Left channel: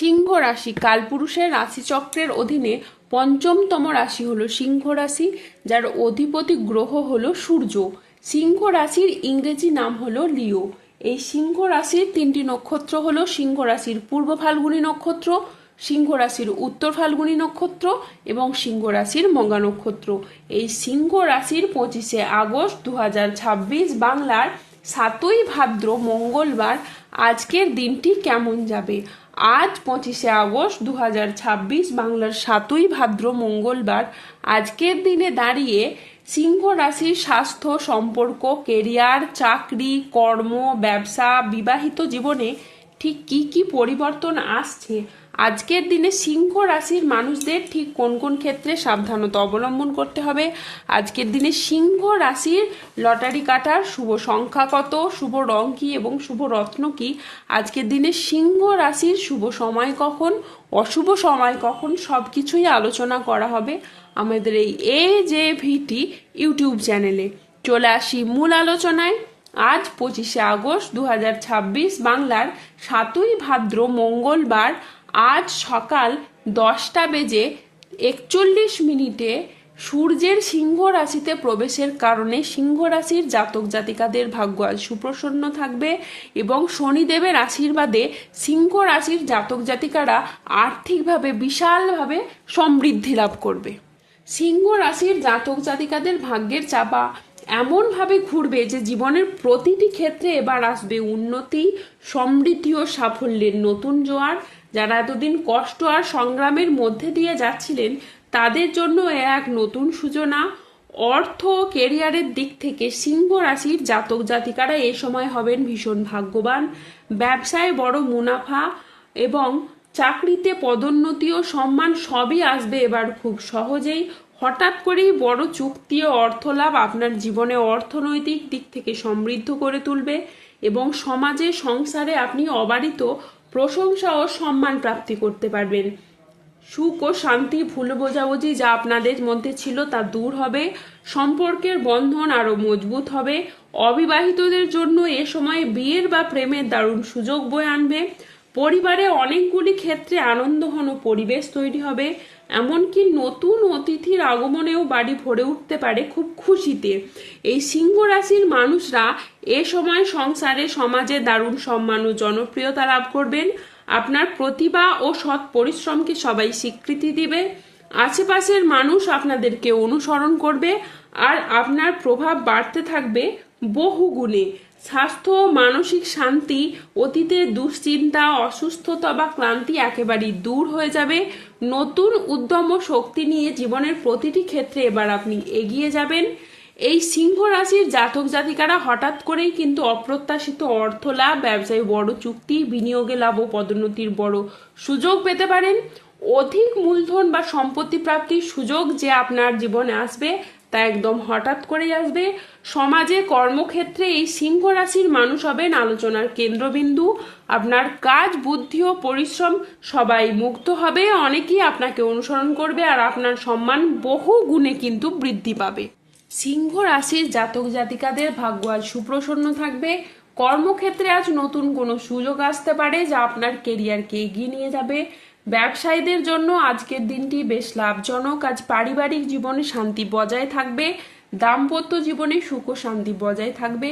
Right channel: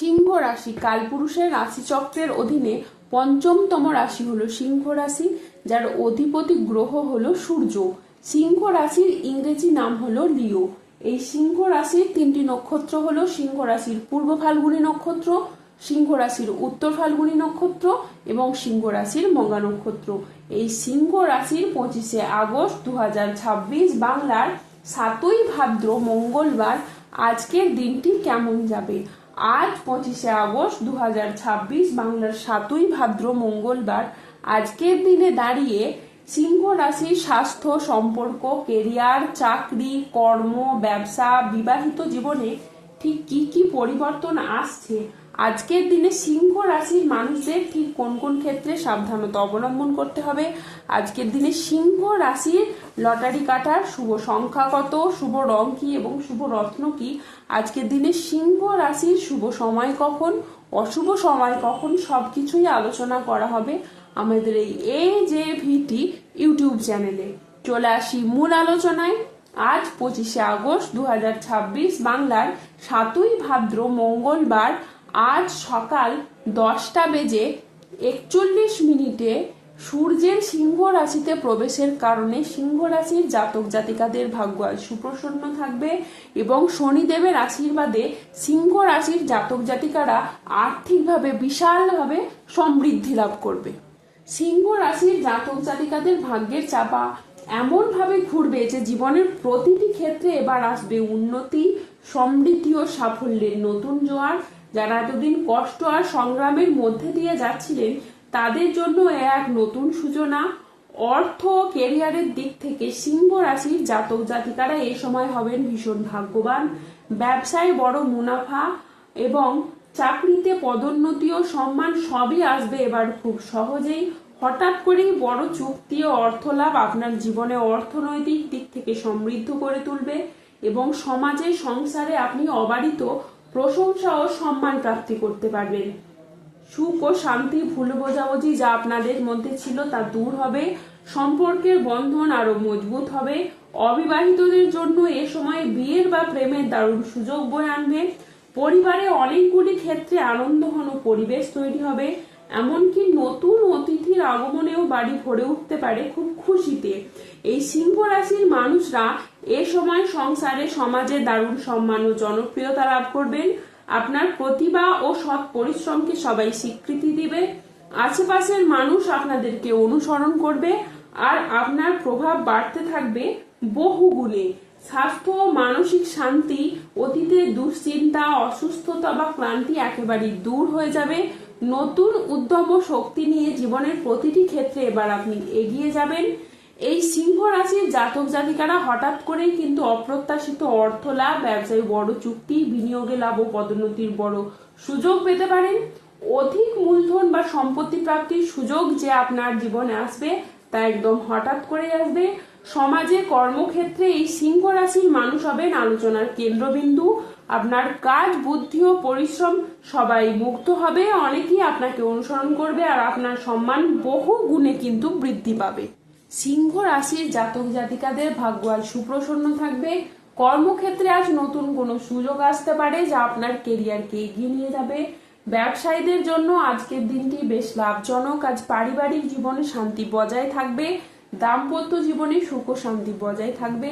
সিংহ রাশি কালপুরুষের রাশিচক্রের অধীনে পঞ্চমতম রাশি হলো সিংহ রাশি, যার অধিপতি গ্রহ হলো সূর্য। সিংহ রাশির ইংরেজি নাম হলো লিও। এই সিংহ রাশির তিনটি নক্ষত্র হলো সিংহ রাশির পূর্ব ফাল্গুনী নক্ষত্র, সিংহ রাশির উত্তর ফাল্গুনী নক্ষত্র এবং সিংহ রাশির মঘা নক্ষত্র। এই সিংহ রাশির 25শে আগস্ট 2026 বাংলার 7ই ভাদ্র মঙ্গলবার আজকের দিনটি কেমন যাবে। আজ 25শে আগস্ট 2026 বাংলার 7ই ভাদ্র মঙ্গলবার আজকের দিনে দাঁড়িয়ে সিংহ রাশির স্বাস্থ্য, সম্পর্ক, কেরিয়ার, চাকরি, কর্ম, ব্যবসা, বিবাহিত জীবনে ঠিক কি কি পরিবর্তন আসছে, আজকের দিনে সিংহ রাশির মানুষদের ঠিক কোন কোন ক্ষেত্রে সাবধানতা অবলম্বন করতে হবে, আজকের দিনে সিংহ রাশির লটারি কাটার শুভ সংখ্যা কত, শুভ রং কি এবং শুভ রত্ন কি, আজকের দিনে সিংহ রাশির শুভ সময় কখন, অশুভ সময় কখন, সবকিছুই আলোচনা করা হবে আমাদের এই AJVT ইউটিউব চ্যানেলে। চলে আসি মূল আলোচনায়। আজ 25শে আগস্ট 2026 বাংলার 7ই ভাদ্র মঙ্গলবার আজ সকাল 10টা বেজে 41 মিনিটে সূর্যের সিংহ রাশিতে প্রবেশের কারণে সিংহ রাশির জাতক জাতিকাদের ভাগ্য আজ সুপ্রসন্ন থাকবে এবং শনিদেবের আশীর্বাদে সিংহ রাশির জাতক জাতিকারা আর্থিকভাবে বিশালভাবে সমৃদ্ধি লাভ করবে। সিংহ রাশির জাতক জাতিকাদের ভাগ্যের চাপা এমনভাবে ঘুরবে যে জীবনের প্রতিটি ক্ষেত্রে এবার আসবে উন্নতি, সমৃদ্ধি ও সাফল্যের নতুন জোয়ার। যারা এতদিন কষ্ট আর সংগ্রামের মধ্যে দিয়ে যাচ্ছিলেন তাদের জন্য এক নতুন সূচনা। অর্থ ও কেরিয়ারের দিক থেকে সিংহ রাশির জাতক জাতিকারা এই সময় হবেন ভীষণ ভাগ্যবান। ব্যবসায় বড় মুনাফা এবং চাকরিতে পদোন্নতি ও সম্মান সবই আসবে এবার খুব সহজেই। হঠাৎ করেই বড় চুক্তি ও অর্থলাভ আপনার জীবনে অর্থনৈতিক দিক থেকে সমৃদ্ধ করে তুলবে এবং সমাজে সংসারে আপনি অবারিত প্রশংসা ও সম্মান প্রাপ্তি করতে পারবেন। সুখ ও শান্তি, ভুল বোঝাবুঝি যা আপনাদের মধ্যে ছিল তা দূর হবে, সম্পর্কের বন্ধন আরো মজবুত হবে। অবিবাহিতদের জন্য এ সময় বিয়ের বা প্রেমের দারুণ সুযোগ বয়ে আনবে। পরিবারে অনেকগুলি ক্ষেত্রে আনন্দঘন পরিবেশ তৈরি হবে, এমনকি নতুন অতিথির আগমনেও বাড়ি ভরে উঠতে পারে খুব খুশিতে। এই সিংহ রাশির মানুষরা এ সময় সংসারে সমাজে দারুণ সম্মান ও জনপ্রিয়তা লাভ করবেন। আপনার প্রতিভা ও সৎ পরিশ্রমকে সবাই স্বীকৃতি দিবে। আশেপাশের মানুষ আপনাদেরকে অনুসরণ করবে আর আপনার প্রভাব বাড়তে থাকবে বহু গুণে। স্বাস্থ্য ও মানসিক শান্তি, অতীতের দুশ্চিন্তা, অসুস্থতা বা ক্লান্তি একেবারেই দূর হয়ে যাবে। নতুন উদ্যম ও শক্তি নিয়ে জীবনের প্রতিটি ক্ষেত্রে এবার আপনি এগিয়ে যাবেন। এই সিংহ রাশির জাতক জাতিকারা হঠাৎ করেই কিন্তু অপ্রত্যাশিত অর্থ লাভ, ব্যবসায় বড় চুক্তি, বিনিয়োগে লাভ ও পদোন্নতির বড় সুযোগ পেতে পারেন। অধিক মূলধন বা সম্পত্তি প্রাপ্তির সুযোগ যে আপনার জীবনে আসবে তা একদম হঠাৎ করেই আসবে। সমাজে কর্মক্ষেত্রে এই সিংহ রাশির মানুষ হবেন আলোচনার কেন্দ্রবিন্দু। আপনার কাজ, বুদ্ধি ও পরিশ্রম সবাই মুগ্ধ হবে, অনেকেই আপনাকে অনুসরণ করবে আর আপনার সম্মান বহু গুণে কিন্তু বৃদ্ধি পাবে। সিংহ রাশির জাতক জাতিকাদের ভাগ্য আজ সুপ্রসন্ন থাকবে। কর্মক্ষেত্রে আজ নতুন কোনো সুযোগ আসতে পারে যা আপনার কেরিয়ারকে এগিয়ে নিয়ে যাবে। ব্যবসায়ীদের জন্য আজকের দিনটি বেশ লাভজনক। আজ পারিবারিক জীবনে শান্তি বজায় থাকবে, দাম্পত্য জীবনে সুখ ও শান্তি বজায় থাকবে।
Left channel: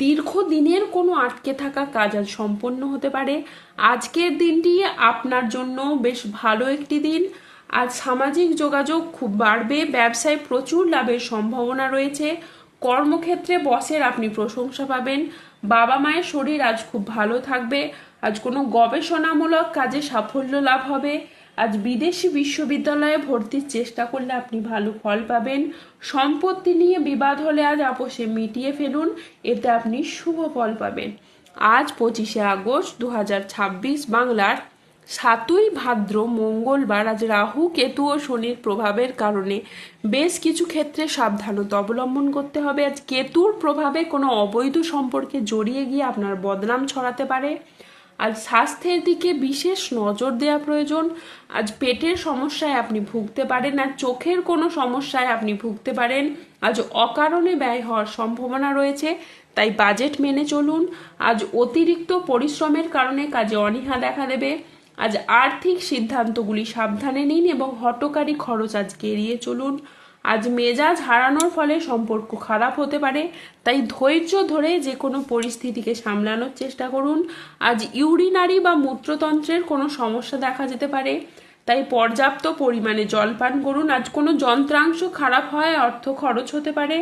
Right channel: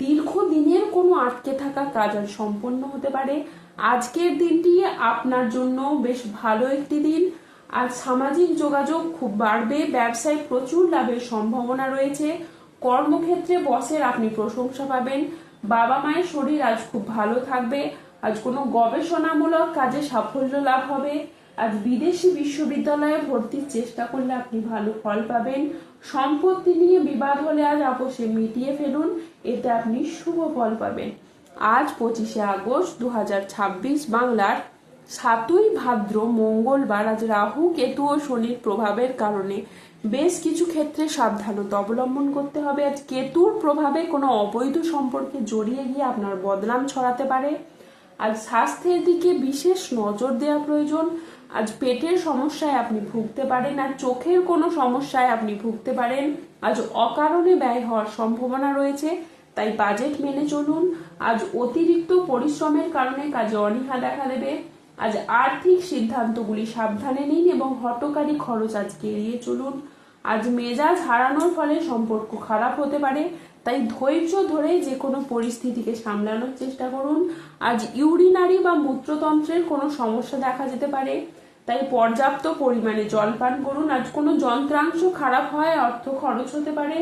দীর্ঘদিনের কোনো আটকে থাকা কাজ আজ সম্পন্ন হতে পারে। আজকের দিনটি আপনার জন্য বেশ ভালো একটি দিন। আজ সামাজিক যোগাযোগ খুব বাড়বে, ব্যবসায় প্রচুর লাভের সম্ভাবনা রয়েছে। কর্মক্ষেত্রে বসের আপনি প্রশংসা পাবেন। বাবা মায়ের শরীর আজ খুব ভালো থাকবে। আজ কোনো গবেষণামূলক কাজে সাফল্য লাভ হবে। আজ বিদেশি বিশ্ববিদ্যালয়ে ভর্তির চেষ্টা করলে আপনি ভালো ফল পাবেন। সম্পত্তি নিয়ে বিবাদ হলে আজ আপোষে মিটিয়ে ফেলুন, এতে আপনি শুভ ফল পাবেন। আজ 25শে আগস্ট 2026 বাংলার 7ই ভাদ্র মঙ্গলবার আজ রাহু, কেতু ও শনির প্রভাবের কারণে বেশ কিছু ক্ষেত্রে সাবধানতা অবলম্বন করতে হবে। আজ কেতুর প্রভাবে কোনো অবৈধ সম্পর্কে জড়িয়ে গিয়ে আপনার বদনাম ছড়াতে পারে। আজ স্বাস্থ্যের দিকে বিশেষ নজর দেওয়া প্রয়োজন। আজ পেটের সমস্যায় আপনি ভুগতে পারেন, আর চোখের কোনো সমস্যায় আপনি ভুগতে পারেন। আজ অকারণে ব্যয় হওয়ার সম্ভাবনা রয়েছে, তাই বাজেট মেনে চলুন। আজ অতিরিক্ত পরিশ্রমের কারণে কাজে অনীহা দেখা দেবে। আজ আর্থিক সিদ্ধান্তগুলি সাবধানে নিন এবং হঠকারী খরচ আজকে এড়িয়ে চলুন। আজ মেজাজ হারানোর ফলে সম্পর্ক খারাপ হতে পারে, তাই ধৈর্য ধরে যে কোনো পরিস্থিতিকে সামলানোর চেষ্টা করুন। আজ ইউরিনারি বা মূত্রতন্ত্রের কোনো সমস্যা দেখা যেতে পারে, তাই পর্যাপ্ত পরিমাণে জল পান করুন। আজ কোনো যন্ত্রাংশ খারাপ হয়, অর্থ খরচ হতে পারে।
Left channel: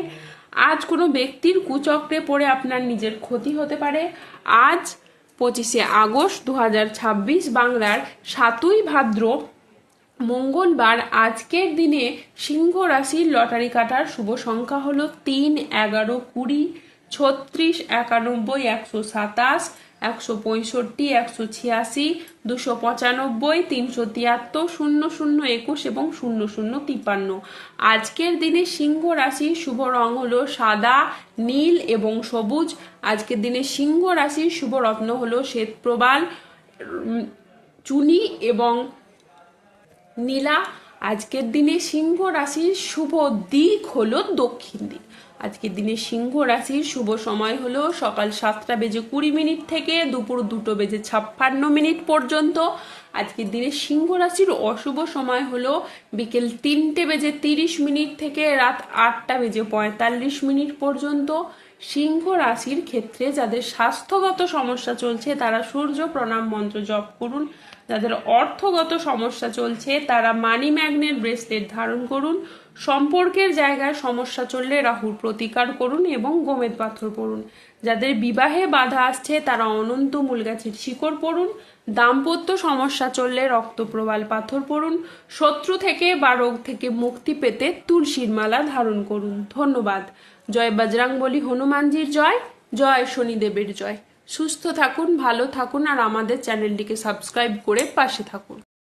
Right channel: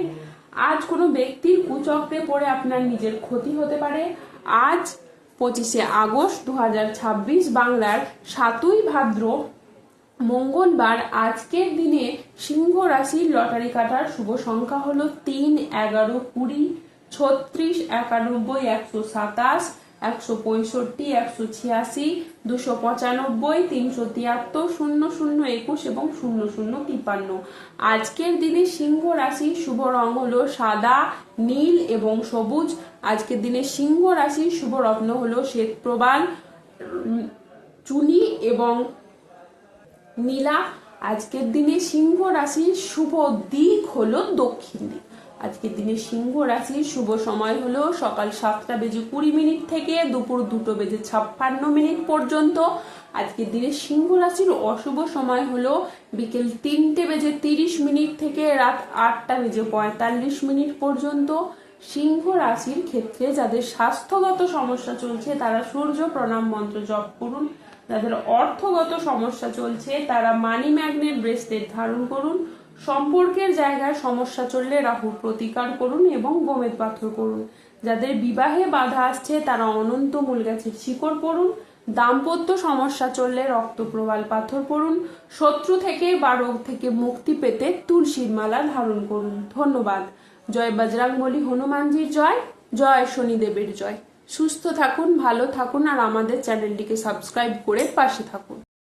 আজ কোনো ব্যক্তির কুচক্রে পড়ে আপনার নিজের ক্ষতি হতে পারে। আজ 25শে আগস্ট 2026 বাংলার 7ই ভাদ্র মঙ্গলবার। আজকের দিনে সিংহ রাশির লটারি কাটার শুভ সংখ্যা হলো 3, 11, 20, 36, 91, 127, 165, 186, 295, 373, 00, 21 এবং 0053। আজকের দিনে সিংহ রাশির শুভ রং হলো সাদা, নীল এবং সবুজ। আজকের দিনে সিংহ রাশির শুভ রত্ন হলো শ্বেত প্রবাল, চুনি এবং নীলা। আজকের দিনে সিংহ রাশির শুভ দিক হলো দক্ষিণ দিক। আজকের দিনে সিংহ রাশির শুভ সময় হলো সকাল 7:20 থেকে দুপুর 2:56 পর্যন্ত। আজকের দিনে সিংহ রাশির অশুভ সময় হলো বিকেল 3:30 থেকে রাত 8:45 পর্যন্ত। সিংহ রাশির ক্ষেত্রে যাদের স্বাস্থ্যগত সমস্যা চলছে তারা সূর্য প্রণাম মন্ত্র জপ করুন। যাদের অর্থগত সমস্যা চলছে তারা মানি ম্যাগনেট ব্রেসলেট ধারণ করুন। সম্পর্কের জায়গায় সমস্যা চললে রাহুর প্রতিকার করুন এবং গোমেদ পাথর পড়ুন। যাদের বিবাহে বাধা আসছে তারা অনন্ত মূল গাছের শিকড় পড়ুন। দাম্পত্য সমস্যা চললে রক্তপ্রবাল পাথর পড়ুন। শত্রু থেকে বা রোগ থেকে মুক্তি পেতে তুলসীর মালা ধারণ করুন। ধন্যবাদ। জয় বজরংবলী হনুমানজির জয়, জয় শনিদেবের জয়। সুস্থ থাকুন, ভালো থাকুন আর আমাদের চ্যানেলটিকে সাবস্ক্রাইব করে পাশে থাকুন।